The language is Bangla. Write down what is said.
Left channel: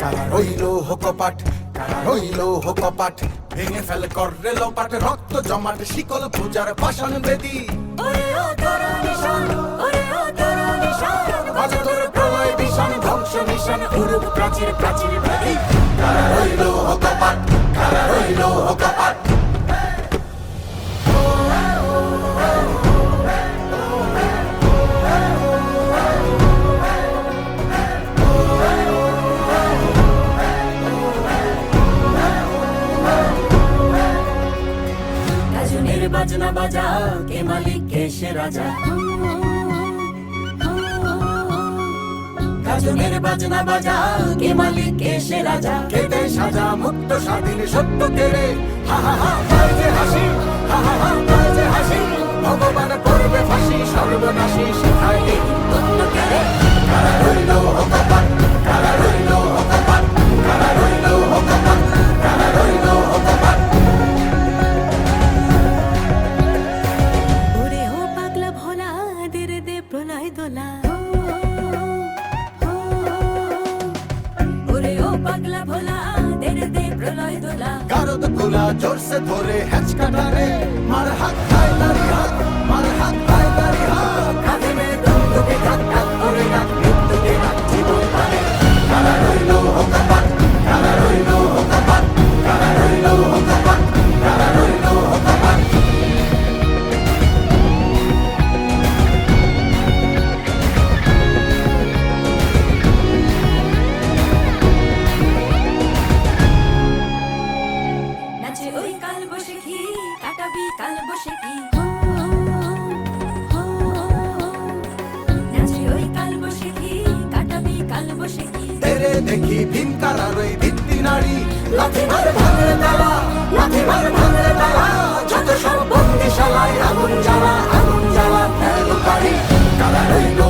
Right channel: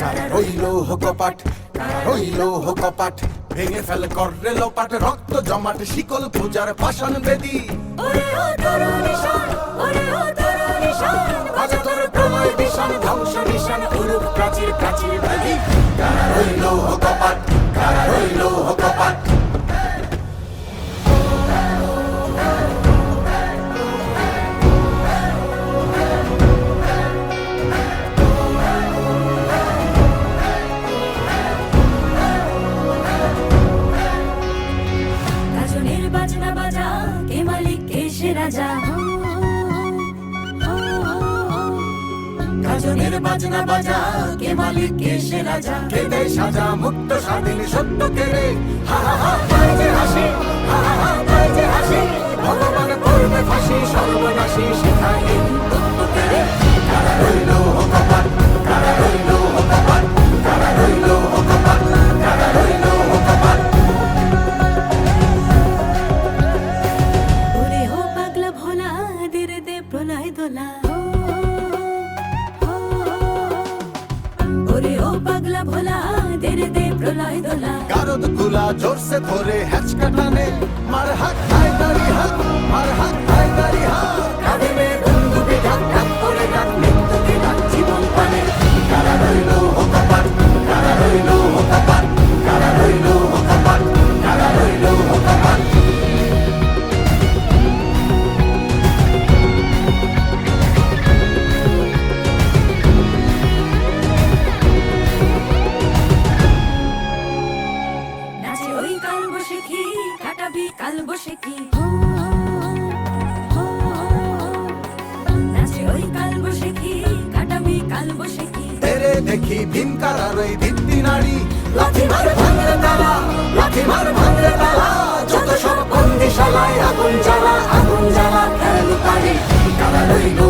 কারা রইল কপাট, কারা রইল কপাট, ভেঙে ফেলে কররে লোপাট, রক্ত জমাট শিকল পূজার পাষাণ বেদী। বাজে তোর প্রলয় বিষাণ, ধ্বংস নিশান, উরুপ প্রাচীর প্রাচীর বেদী। কারা রইল কপাট, কারা রইল কপাট। বাজনা বাজা কে মালিক কে সে রাজা, গাজনের বাজনা বাজা কে মালিক কে সে রাজা, কে দেয় সাজা মুক্ত স্বাধীন সত্য কেড়ে, হা হা হা পায় যে হাসি, হা হা হা পায় যে হাসি, ভগবান করবে ফাঁসি সর্বনাশী শিখায় এই তত্ত্ব কেড়ে। কারা রইল কপাট, কারা রইল কপাট, কারা রইল কপাট, কারা রইল কপাট। ওরে ও পাগলা ভোলা দে রে দে প্রলয় দোলা, ওরে ও পাগলা ভোলা দে রে দে প্রলয় দোলা, গারদ গুলা জোরসে ধরে হ্যাচকা টানে, মার হাত হায় নারী হাত, মার হাত হায় নারী হাত, কাঁধে মেয়ে বন্ধুকে ডাক ডাক করে ডাক, মৃত্যুকে ডাক জীবন পানে। কারা রইল কপাট, কারা রইল কপাট, কারা রইল কপাট, কারা রইল কপাট। নাচে ওই কাল বসেখি কাটাবি কাল বসেখি, নাচে ওই কাল বসেখি কাটাবি কাল বসেখি, তেরে দেখি ভীম কারার ওই ভিত্তি নারী, লাথি মারে ভাঙরে তালা, লাথি মারে ভাঙরে তালা, যত সব বন্দিশালায় আগুন জ্বালা, আগুন জ্বালা খেলো কারি। কারা রইল